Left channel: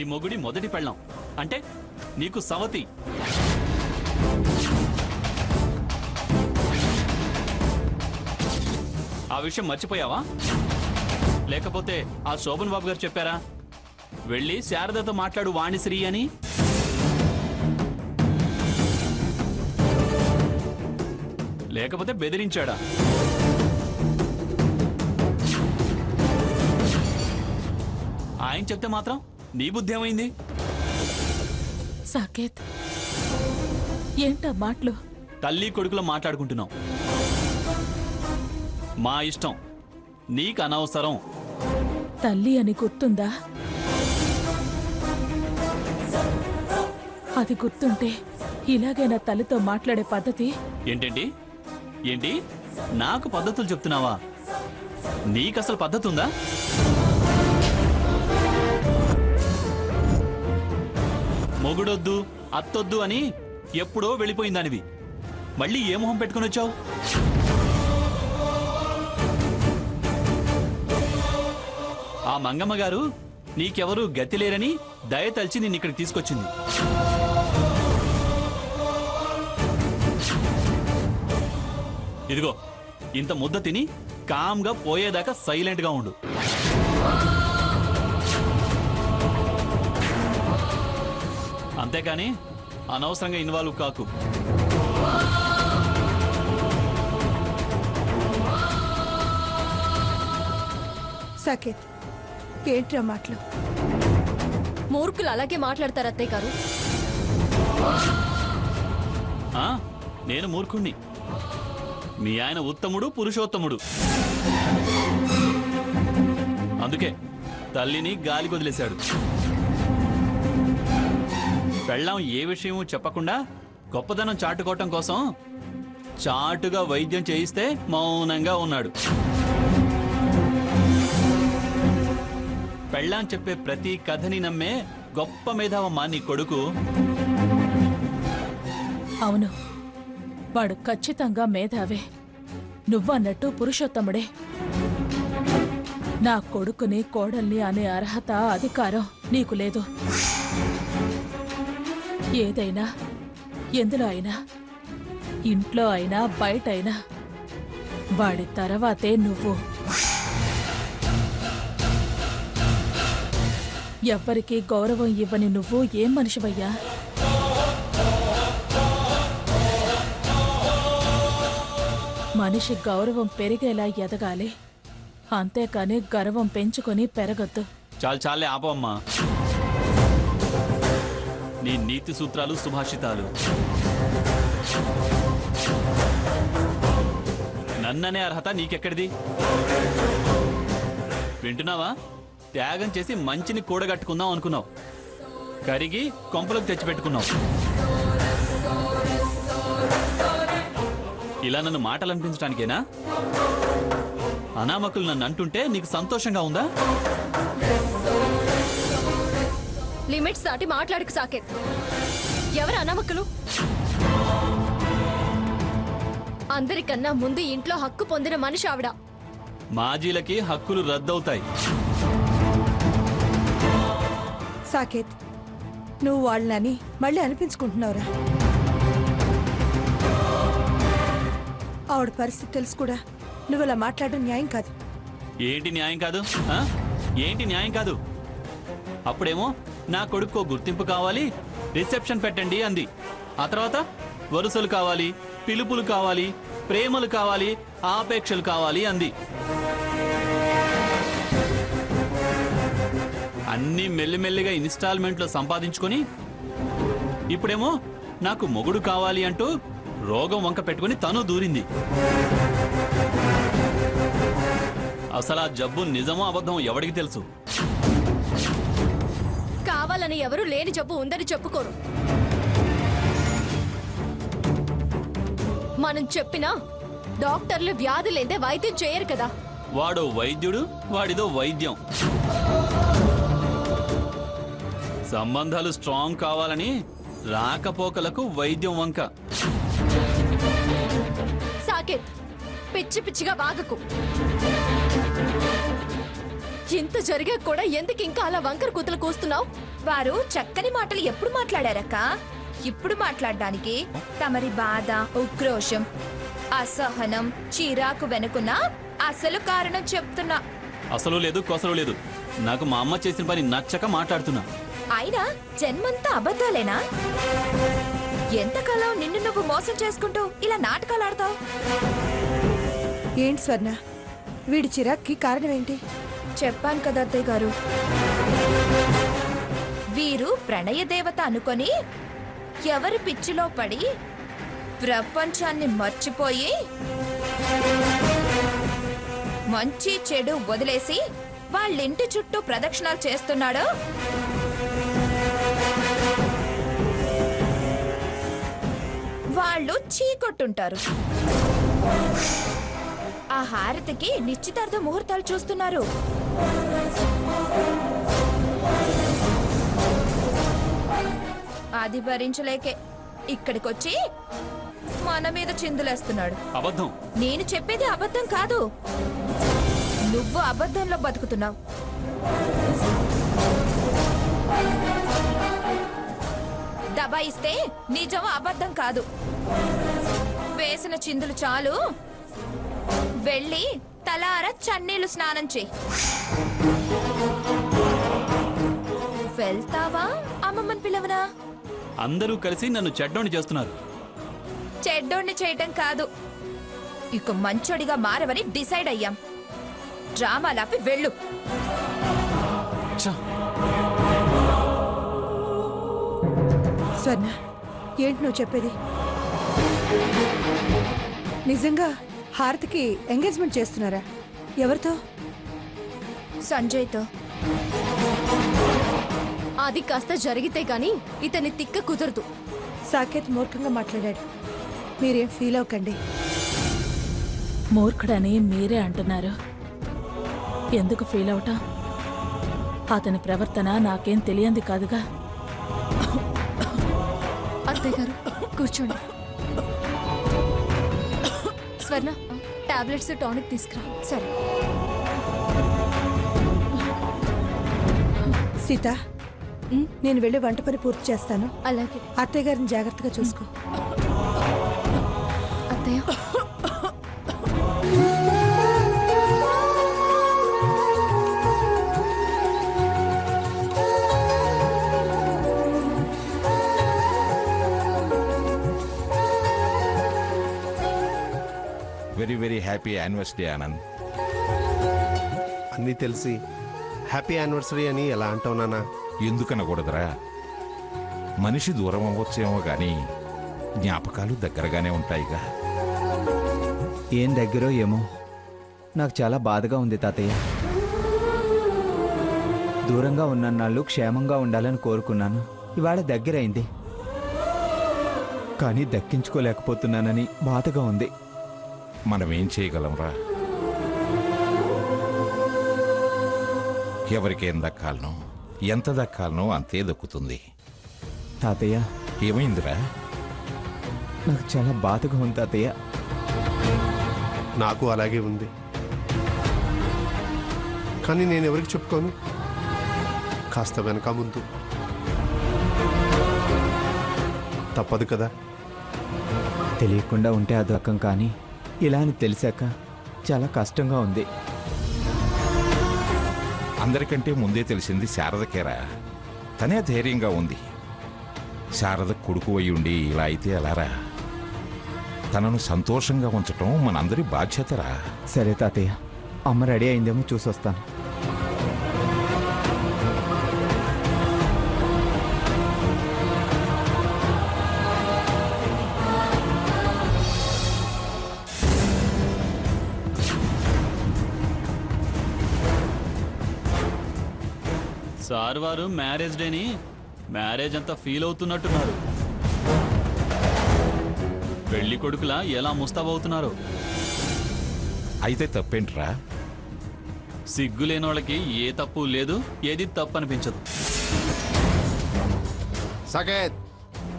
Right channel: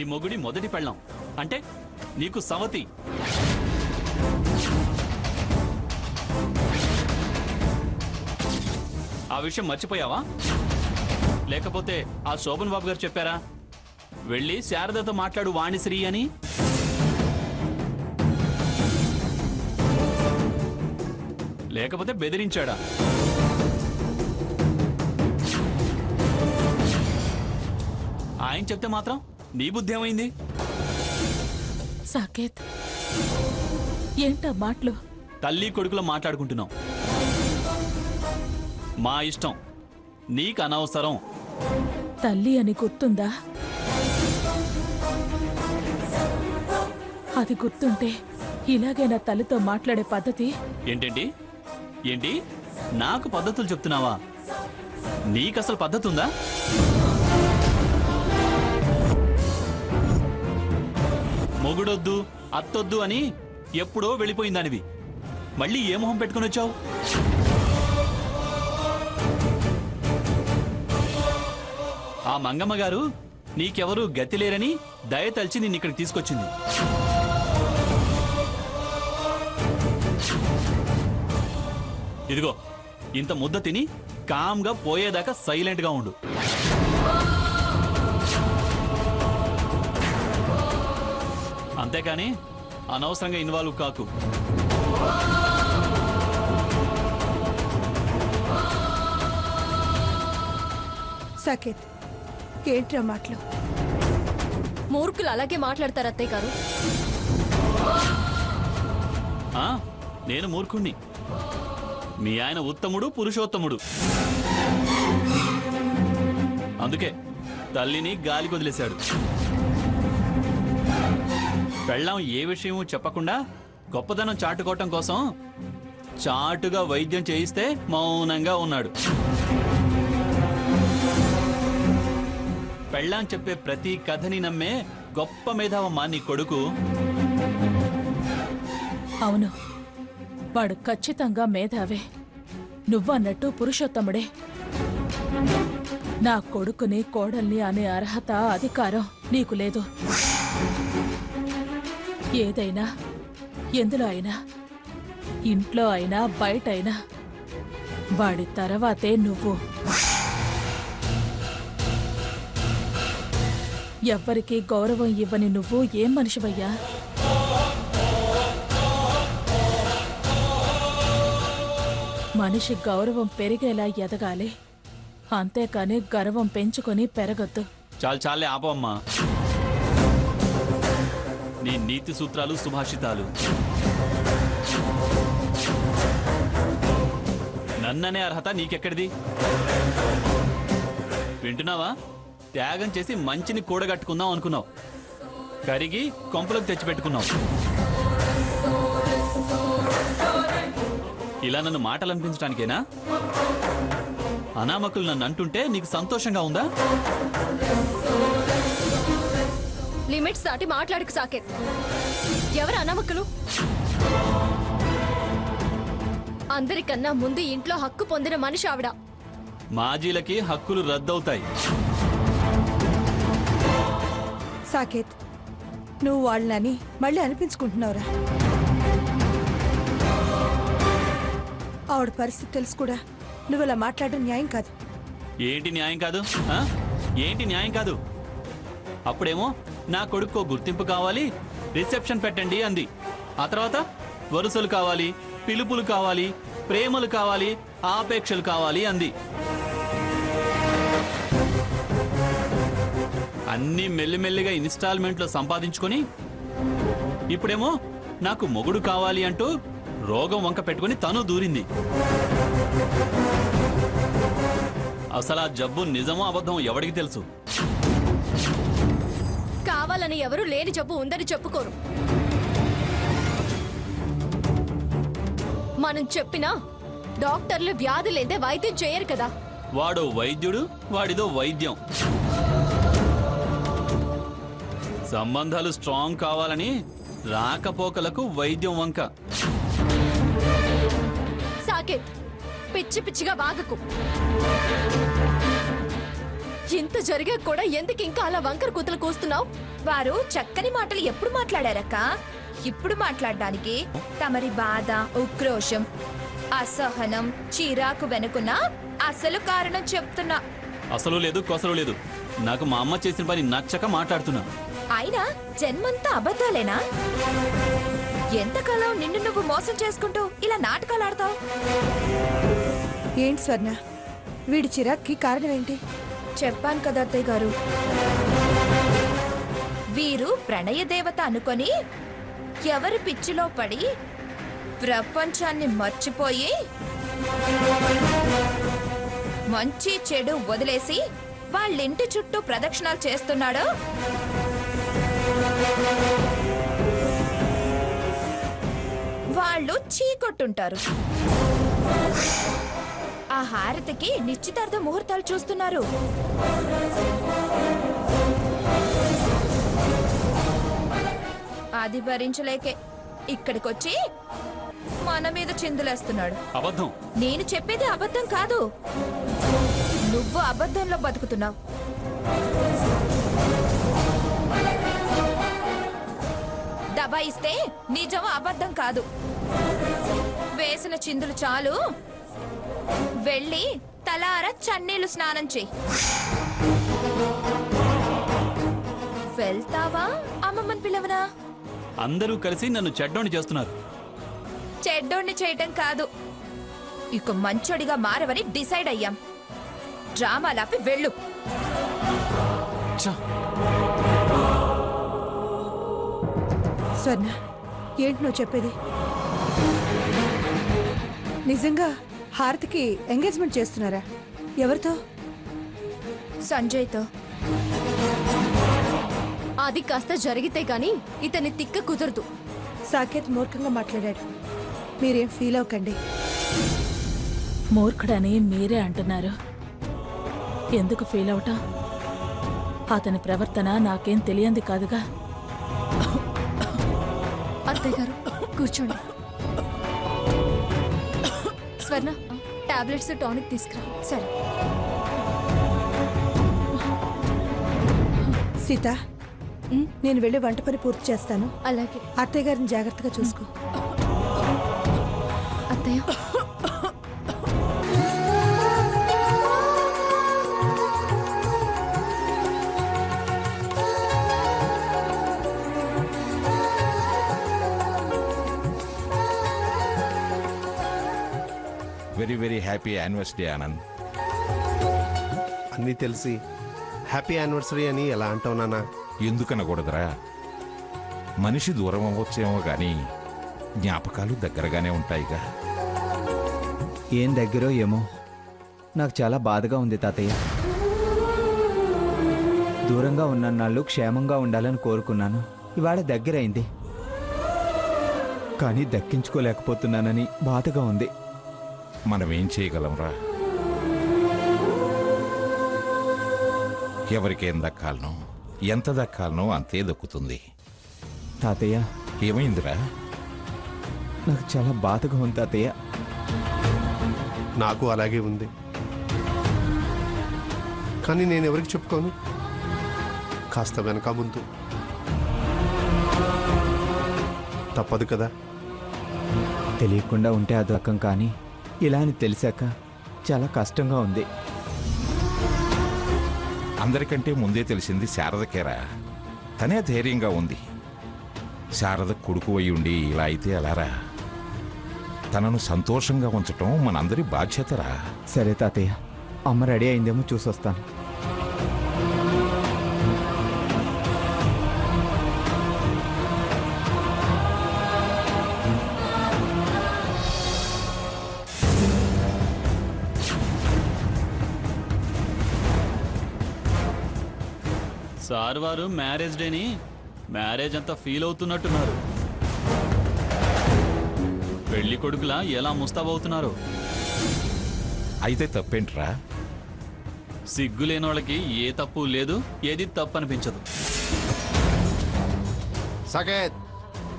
నీ మొగుడి మొదటి పెళ్ళాం అంటే నీకు సవతి. ఆ విషయం మర్చిపోయావా? లేకపోతే ఆ శోభన్ బాబు గారు చెప్పారా వెళ్ళి శారదతో మాట్లాడు వాణిశ్రీ అని? లేకపోతే బెదిరించాడా? ఆయన చెప్తే మాత్రం నీ బుద్ధి ఏమైంది? సాకేత్, ఏంటా మాటలు? తల్లి కొడుకులో మాట్లాడుకుంటున్నాం. మా ఇష్టం, నీకు అనవసరం. తల్లి అని గుర్తుందా? అది గుర్తుంటే ఇలాగే నా తల్లితో మాట్లాడే పద్ధతి. ఏంటేంటి ఏంటి నాకు పద్ధతులు చెప్తున్నావా? నీకసలు పద్ధతి ఉందా? మొగుడొద్దు అత్తొద్దు అని ఎప్పుడో వెళ్ళిపోయిందానివి. మళ్ళీ ఏ మొహం పెట్టుకుని వచ్చావు? ఆ మంగమ్మ గారు నీకెవరూ గతి లేరని దయతలిచి నిన్నిక్కడికి తీసుకొచ్చింది. ఇదిగో ఇంత ముద్ద తిని కామ్గా పోయేదాకా సైలెంట్గా ఉండు. అంతేకాని అనవసరంగా ఇన్వాల్వ్ కాకు. సాకేత్, ఏంట్రా మాటలు? మూర్ఖులు అలాగే మాట్లాడతారు అత్తయ్య గారు. నేను మూర్ఖుణ్ణి, మీ ఆయన ఉత్తముడు పురుషోత్తముడు. అందుకే తల్లిని గాలి వదిలేశాడు. పెళ్ళాం ఏ విషయమూ చెప్పకుండా గొప్పదనం చాటుకోవటం కోసం చాటుగా వైద్యం చేయిస్తే మౌనంగా ఉన్నాడు. పెళ్ళాం చెప్పే ప్రతి కథని నమ్మే గొప్ప మేధావమ్మా నీ కొడుకు. అవును, వాడు ఖచ్చితంగా మేధావే. నువ్వన్నట్టు పురుషోత్తముడే. నా కొడుకుని కోడల్ని అనే అర్హత అధికారం నీకు లేదు. ఏదైనా ఎందులో అయినా, ఇంట్లో అయినా బయటైనా వాడి తర్వాతే నువ్వు. ఎవ్వరికీ గౌరవం ఇవ్వని నువ్వు ఏం మనిషివయ్యా? మనిషి గౌరవం పెరిగేలా ఎదగాలి, అంతేకాని గర్వం పెంచుకొని పెరగొద్దు. చాలే ఆపమ్మా నీ నీతి సూత్రాలు సుభాషితాలు. నన్ననే అర్హత నీకెక్కడిది? వింటున్నావా? త్యాగం చేసి మంచిని కూడగట్టుకుందాం అనుకున్నావు, కరిగి కొంపలకు తెచ్చిపెట్టుకున్నావు. ఇలా నన్ను మాటలు అనిపించడానికేనా? అనామకులు నన్ను అంటుంటే నీకు సంతోషంగా ఉందా? లిమిట్స్ దాటి మాట్లాడకు సాకేత్. ఎవరు అనామకులు? అందరికన్నా ముందు ఇంట్లో హక్కు పొందిన మనిషి ఆవిడ. మాజీలకి హక్కులు రద్దవుతాయి. సాకేత్, నువ్వు వాళ్ళని మళ్ళీ అనిపించుకుంటున్నావురా. ఆవిడ పరిస్థితి తెలుసు కూడా నువ్వు ఇలా మాట్లాడడం న్యాయం కాదు. ఏంటి న్యాయం కాదు? ఏంటి న్యాయం కాదు? అప్పుడేమో నా కొడుకు గుర్తింపు కావాలి, రిసెప్షన్ పెట్టండి అంది. ఆ తర్వాత వరుసలు కావాలి, పిలుపులు కావాలి, ప్రేమలు కావాలి, ఆపేక్షలు కావాలి అంది. అన్నీ మెల్లిమెల్లిగా ఇన్స్టాల్మెంట్లో సంపాదించుకొని ఇప్పుడేమో నాకు మొగుడు కావాలి అంటూ రోగం వంక పెట్టుకుని తను దూరింది. అసలు ఆ జబ్బు నిజమో అబద్ధం ఎవడికి తెలుసు? కావాలని ఎవరు లేని జబ్బు ఉందని చెప్పుకోరు. మనం చెప్పినా డాక్టర్లు వ్యాధి లేదే వైద్యం చేయరు కదా. వాడు వైద్యుడు, వాడిదో వైద్యం. సంబంధాలు స్ట్రాంగ్ కావాలని రాకపోకలకు వైద్యం వంక. సాకేత్, పిచ్చి పిచ్చిగా వాగకు. ఇంత జరిగా కూడా ఎందుకు ఇంకా అలా వంకర కూతలు కూస్తున్నావు? వారు చక్కని మాటలు ఎప్పుడు మాట్లాడారక్క? ఇప్పుడు మాట్లాడడానికి తమరి బాధ, ఉక్రోషం, అసహనం, చిరాకు వెనుకున్న అసలు కారణం చెప్తున్నా. అసలు లేదు కొసలు లేదు. నాకు మా అమ్మ చేసిన పని నచ్చక మాట్లాడుతున్నా. అయినా జన్మంతా అబద్ధాలేనా? ఎంతకాలం నిన్ను నువ్వు మోసం చేసుకుంటూ ఇలా నాటకాలు ఆడతావు? ఏంటి స్వర్ణ, వీడి చిరాక్కి కారణం ఏంటి? చెప్పాను కదా అత్తయ్య గారు, వీరు ప్రణయ దేవత అనుకొని ఎవరి పిచ్చిలో పడి ప్రపంచాన్ని మర్చిపోయి మంచి చెడు వదిలేసి వాళ్ళింటి చుట్టూ ప్రదక్షిణాలు చేస్తున్నాడు. వాళ్ళు చీకొట్టుంటారు. ఆ హారతికి నిశ్చితార్థ ముహూర్తాలు చూస్తున్నారు. అది భరించలేకే ఇక్కడికొచ్చి మన మీద చిందులేస్తున్నాడు. అబద్ధం. నేను చెప్పేది అబద్ధం కాదు, నువ్వు అబద్ధంలో బతుకుతున్నావు. దబాయిస్తే నిజం అబద్ధం కాదు. వేసిన చిందులు చాలు, వెళ్ళి తలార చన్నీళ్లు స్నానం చెయ్యి. వెళ్తావా? అమ్మమ్మని పిలవనా? అందరూ కలిసి నన్ను చెడ్డోని చేస్తున్నారు. చెడ్డోణ్ణి చేయటం కాదు, ఇక మంచోడిగా మారవని డిసైడ్ అయ్యాం. డ్రామాలాపి వెళ్ళు. ఛ! స్వర్ణ, ఏంటి నువ్వు చెప్పేది? నిజంగా హారతికి ఎంగేజ్మెంట్ చేస్తున్నారా? ఎవరితో? సంజయ్తో. అది కాస్త జరిగితే గాని ఇతని తిక్క కుదరదు. సాకేత్ మూర్ఖంగా మాట్లాడాడు. మీరేం ఫీల్ అవ్వకండి. మూర్ఖుడని మీరే అంటున్నారు. ఎందుకు ఫీల్ అవటం? అతని ప్రవర్తన నాకేం తెలియంది కాదుగా. అత్తయ్య గారు కూర్చోండి. స్వర్ణ, టాబ్లెట్స్ టానిక్ తీసుకురా. సరే. సీత, నేను వెళ్ళి వంట పని పూర్తి చేస్తాను. అలాగే అత్తయ్య గారిని జాగ్రత్తగా చూసుకో. అత్తయ్య. Very very happy anniversary Anand. అన్నీ తెలిసి హ్యాపీ యానివర్సరీ అని ఎలా అంటావు నాన్న? ఎందుకనకూడదురా? మనిషి దూరం అవ్వచ్చేమో కానీ జ్ఞాపకాలు దగ్గరగానే ఉంటాయిగా. ఏం దగ్గరో ఏమో, నాకు చాలా బాధగా ఉంది తాతయ్య. దూరంగా ఉన్నన్నాళ్ళు క్షేమంగా ఉండాలని కోరుకున్నాను. ఇవాళ దగ్గరైంది, కానీ దక్కించుకోలేకపోతున్నానని బాధగా ఉంది. మనమేం చేయగలంరా? ఎవరికేం దక్కాలనో ఎంత దక్కాలనో అంతే దక్కుతుంది. తాతయ్య, ఏమైందిరా? నాకు చాలా బాధగా ఉంది తాతయ్య. నాకు అలాగే ఉంది, కానీ నేను ఎవరికి చెప్పుకోను. కాస్త వెనక ముందు తప్పదు కదా. తెలియకుండా ఉంటే అది రకం, కానీ ఇలా అని తెలిసాక చాలా కష్టంగా ఉంది. అందరికంటే ముందే తెలిసింది శారదకేరా. తనే ధైర్యంగా ఉంది. శారద కొడుకు అయి ఉండి ఇలా అయితే ఎలారా? తనను సంతోషంగా ఉంచటం మనందరి బాధ్యతరా. సరే తాతయ్య, అమ్మ రెడీ అయిందేమో చూసొస్తాను. సార్ వారు మ్యారేజ్ డేని మ్యారేజ్ అంతా ఫీల్ అవుతున్నట్టున్నారు. పెళ్లి కొడుకులా ఎలా ముస్తాబవుతున్నారు? అయితే తప్పేంట్రా? సిగ్గు లేని వాళ్ళకి ఏ తప్పు లేదు, ఏది తప్పు అనిపించదు. సాకేత్,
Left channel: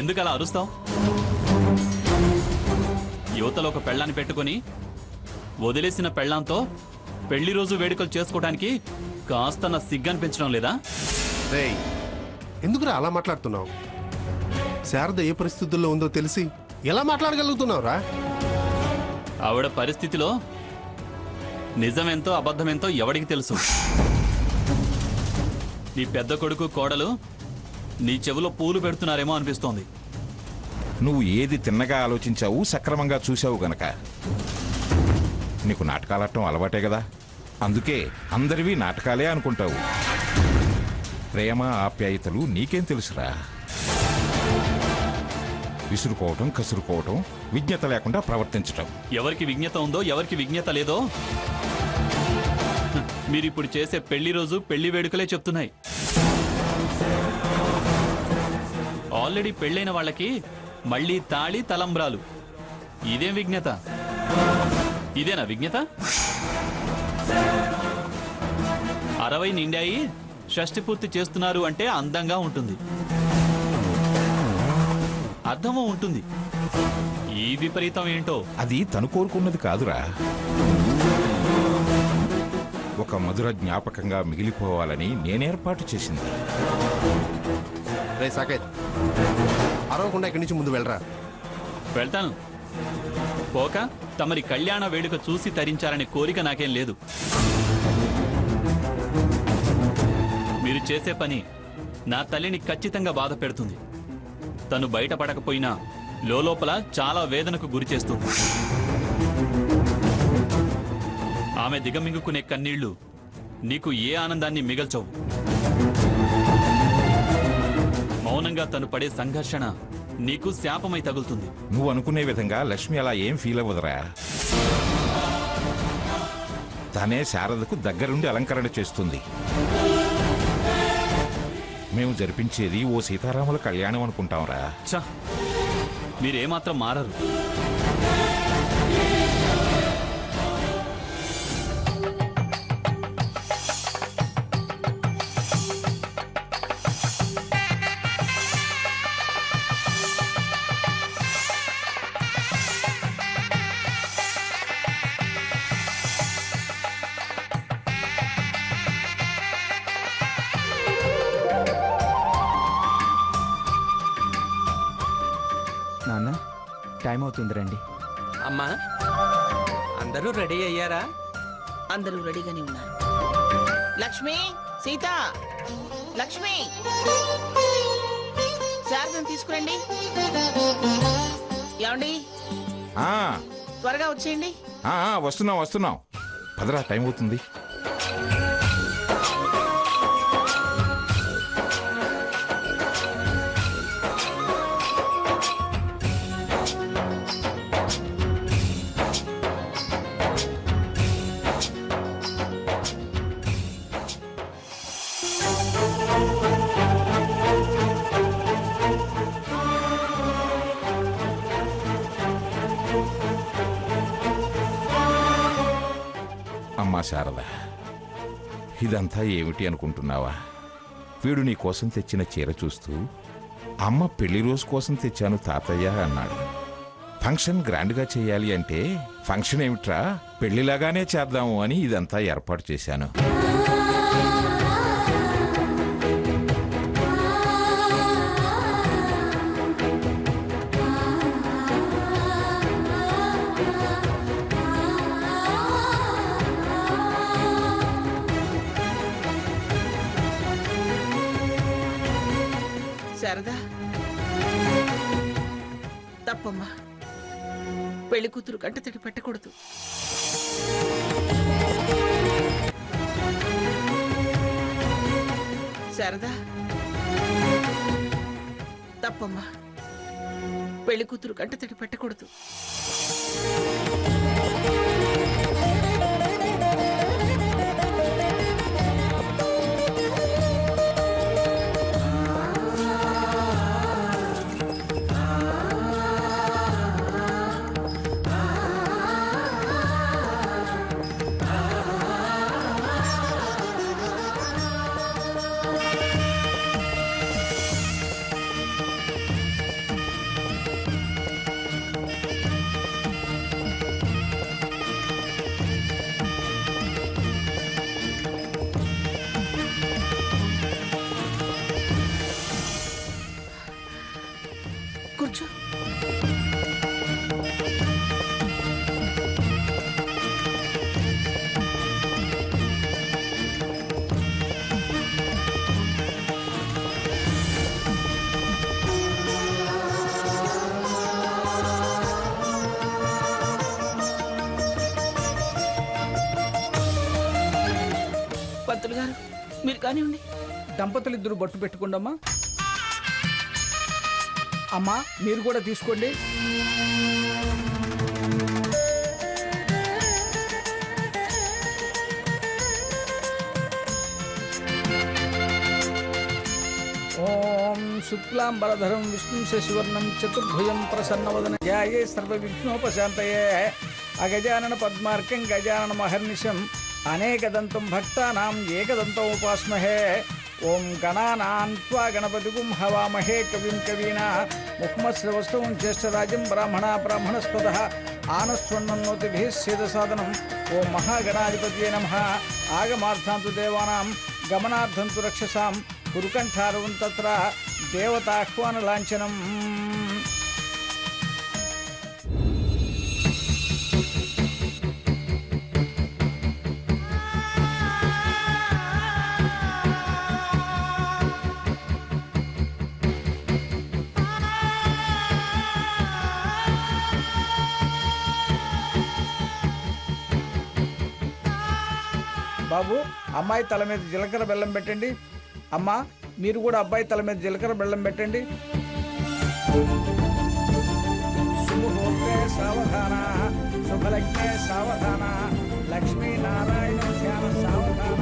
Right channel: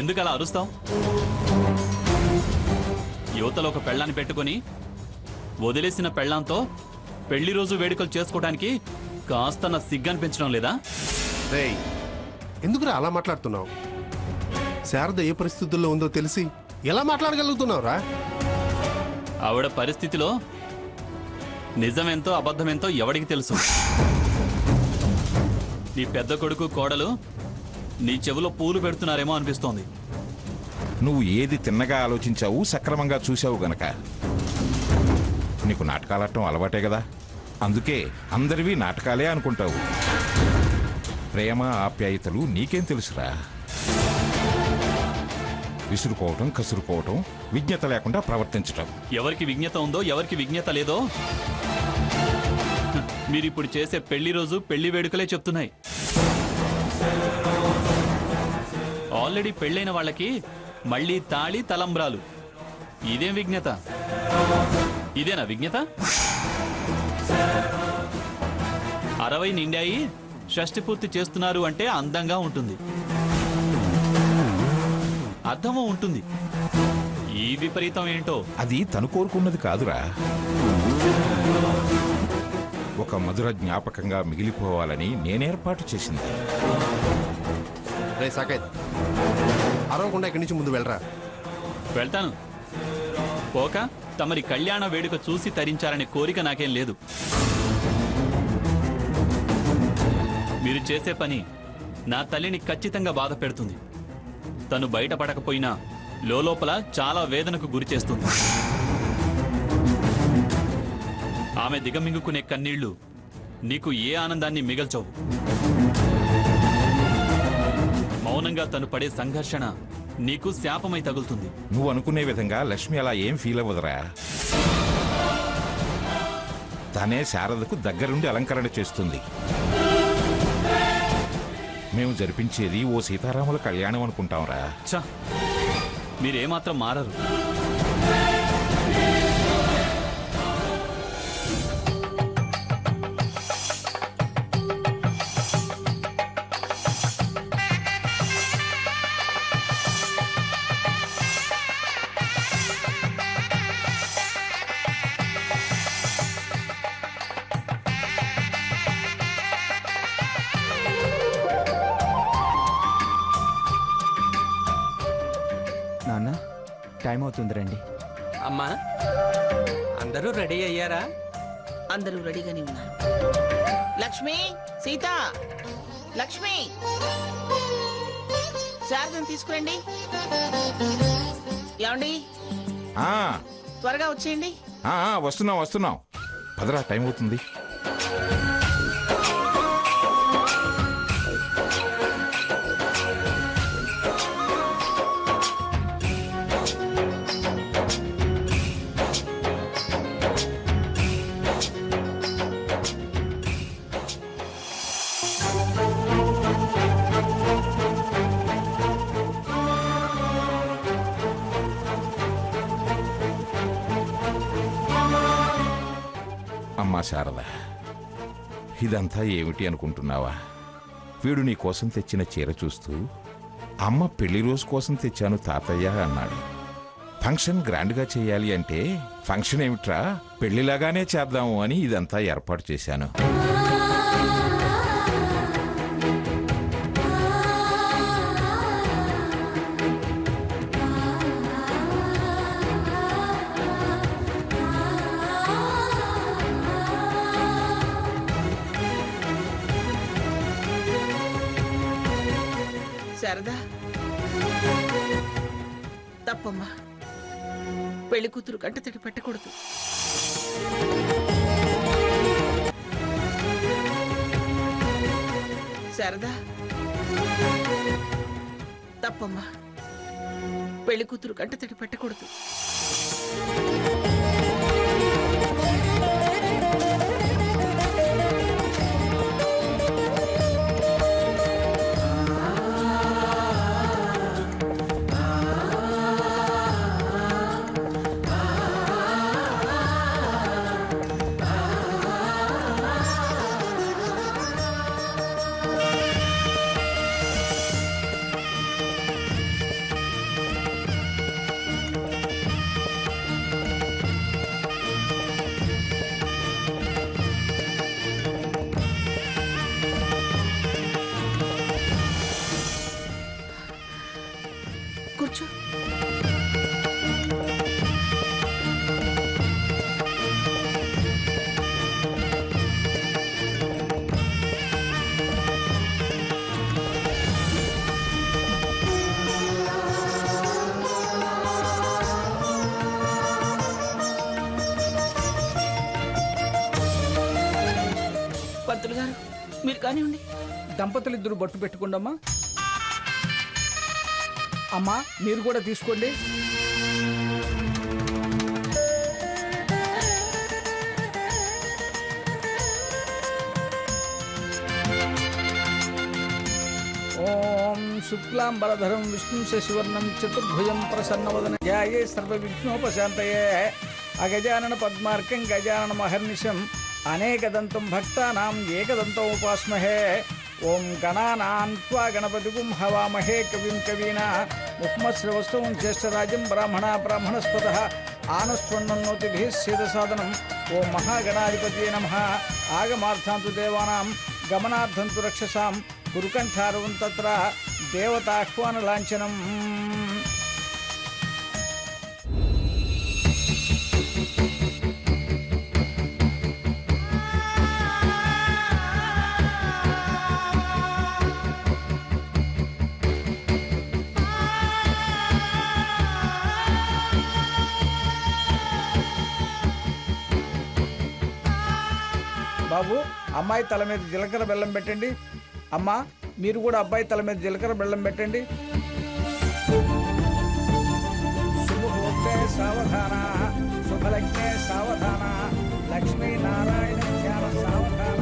ఎందుకు అలా అరుస్తావు? యువతలో ఒక పెళ్ళాన్ని పెట్టుకొని వదిలేసిన పెళ్ళాంతో పెళ్లి రోజు వేడుకలు చేసుకోవడానికి కాస్త నా సిగ్గు అనిపించడం లేదా? రేయ్, ఎందుకురా అలా మాట్లాడుతున్నావు? శారద ఏ పరిస్థితుల్లో ఉందో తెలిసి ఎలా మాట్లాడగలుగుతున్నావురా? ఆవిడ పరిస్థితిలో నిజమెంతో అబద్ధమెంతో ఎవడికి తెలుసు? నీ పెద్ద కొడుకు కోడలు నీ చెవిలో పూలు పెడుతున్నారేమో అనిపిస్తోంది. నువ్వు ఏది తిన్నగా ఆలోచించావు, సక్రమంగా చూసావు గనక. నీకు నాటకాలట్టం అలవాటే కదా, అందుకే అందరివి నాటకాలే అనుకుంటావు. ప్రేమ ఆప్యాయతలు నీకేం తెలుసురా? విసురుకోవటం, కసురుకోవటం, విజ్ఞత లేకుండా ప్రవర్తించటం. ఎవరికి విజ్ఞత ఉందో ఎవరికి విజ్ఞత లేదో మీరిప్పుడు చేసే పెళ్లి రోజు పెళ్లి వేడుకలే చెప్తున్నాయి. ఆల్రెడీ పెళ్ళైన వాళ్ళకి మళ్ళీ తాళి తలంబ్రాలు. ఇదేం విజ్ఞత? ఇదేనా విజ్ఞత? 60 నిండాయి షష్టి పూర్తి చేస్తున్నారు అంటే అందంగా ఉంటుంది, అర్థమూ ఉంటుంది. ఈ విపరీతం ఏంటో? అది తను కోరుకున్నది కాదురా, ఒక మధుర జ్ఞాపకంగా మిగిలిపోవాలని నేనేర్పాటు చేసింది. రే సాకేత్, అరవకుండా ఇక్కడి నుంచి ముందు వెళ్ళరా. వెళ్తాను. పోక తమరి కళ్యాణ వేడుక చూసి తరించాలనే కోరిక నాకేం లేదు. మీరు చేసే పని నా తల్లిని ఖచ్చితంగా బాధ పెడుతుంది. తను బయటపడకపోయినా లోపల చాలా వేదనకు గురి చేస్తుంది. ఆమె దిగమింగుకునే కన్నీళ్లు నీకు ఏ ఆనందాన్ని మిగల్చవు. మౌనంగా తను పడే సంఘర్షణ నీకు శాపమై తగులుతుంది. నువ్వు అనుకునే విధంగా లక్ష్మి అలా ఏం ఫీల్ అవ్వదురా. తనే శారదకు దగ్గరుండి అలంకరణ చేస్తుంది. మేము జరిపించేది ఓ సీతారాముల కళ్యాణం అనుకుంటాంరా. ఛ, మీరేమాత్రం మారరు. నాన్న, టైం అవుతుంది, రండి. అమ్మా, అందరూ రెడీ అయ్యారా? అందరూ రెడీగానే ఉన్నారు. లక్ష్మి, సీత, లక్ష్మి, శారదను తీసుకురండి. ఏమండి, ఆ, త్వరగా వచ్చేయండి. వస్తున్నాం వస్తున్నాం. పదరా, టైం అవుతుంది. అమ్మా శారద, ఇదంతా ఏమిటి అనుకుంటున్నావా? వీడు నీ కోసం తెచ్చిన చీర చూస్తూ అమ్మ పెళ్లి రోజు కోసం తెచ్చాను తాతయ్య అన్నాడు. ఫంక్షన్ గ్రాండ్గా చేయాలి అంటే ఫంక్షన్ ఏమిట్రా, పెళ్లిలాగానే చేద్దాము అని ఇదంతా ఏర్పాటు చేశాను. శారదా, తప్పమ్మా. పెళ్లి కూతురు కంటతడి పెట్టకూడదు. శారదా, తప్పమ్మా. పెళ్లి కూతురు కంటతడి పెట్టకూడదు. కూర్చో. పంతులు గారు మీరు కానివ్వండి. దంపతులిద్దరూ బొట్టు పెట్టుకోండమ్మా. అమ్మా మీరు కూడా తీసుకోండి. ఓం శుక్లాం బలధరం విష్ణుం శశివర్ణం చతుర్భుజం ప్రసన్నవదన ధ్యాయే సర్వవిఘ్నోపశాంతయే అగజానన పద్మార్కం గజానన మహర్నిశం అనేకదంతం భక్తానాం ఏకదంతం ఉపాస్మహే. ఓం గణానాన్ త్వా గణపతిగుం హవామహే కవిం కవీనా ముఖ్మశ్రవస్తవం జ్యేష్ఠరాజం బ్రాహ్మణస్పదః ఆనస్వన్నోతిభిः సేదసాదనం. ఓం మహాగణాధిపతయే నమః. ఆగమార్థాంతు దేవానాం గమనార్థంతు రక్షసాం గురుకంఠారవం తత్ర దేవతాహ్వాన లాంఛనం. బాబు అమ్మాయి తల మీద జీలకర్ర బెల్లం పెట్టండి. అమ్మా మీరు కూడా అబ్బాయి తల మీద జీలకర్ర బెల్లం పెట్టండి. శుభముహూర్తే సావధాన శుభలగ్నే సావధాన లక్ష్మీనారాయణ ధ్యాన సావధాన.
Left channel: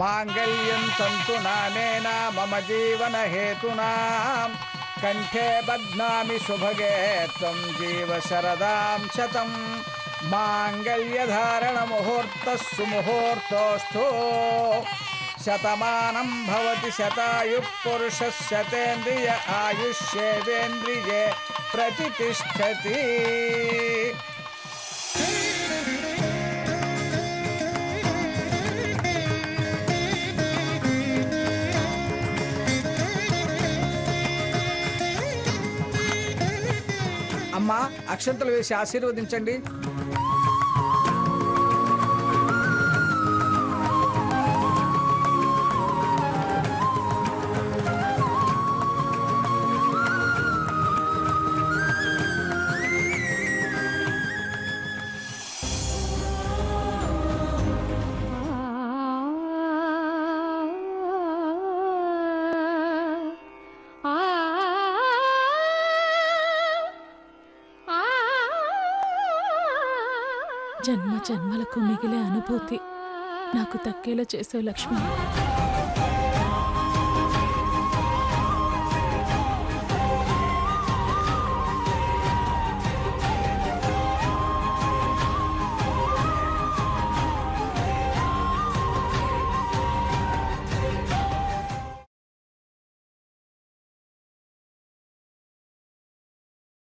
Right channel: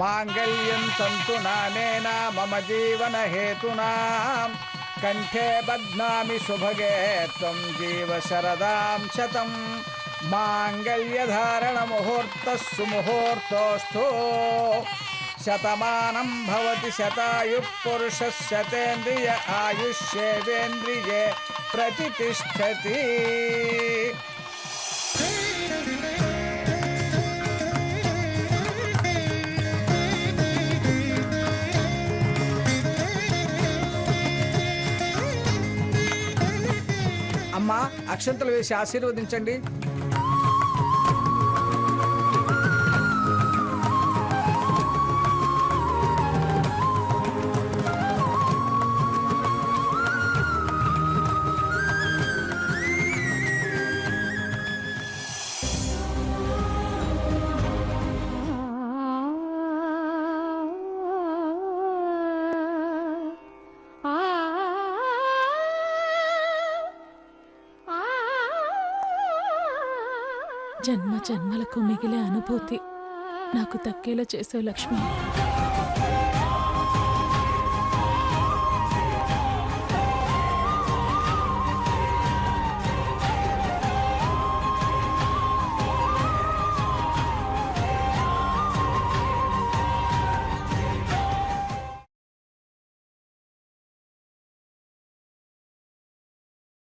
మాంగళ్యం తంతు నానేన మమ జీవన హేతునా కంఠే బధ్నామి శుభగే త్వం జీవ శరదాం శతం. మాంగళ్యధారణ ముహూర్తః సుముహూర్తోస్తు శతమానం భవతి శతాయు పురుషः శతేంద్రియ ఆయుష్యేవేంద్రియే ప్రతిష్ఠతి. అమ్మా అక్షంతలు వేసి ఆశీర్వదించండి. జన్మ జన్మలకు మిగిలే అనుభూతి నాకు దక్కేలా చేసావు లక్ష్మి.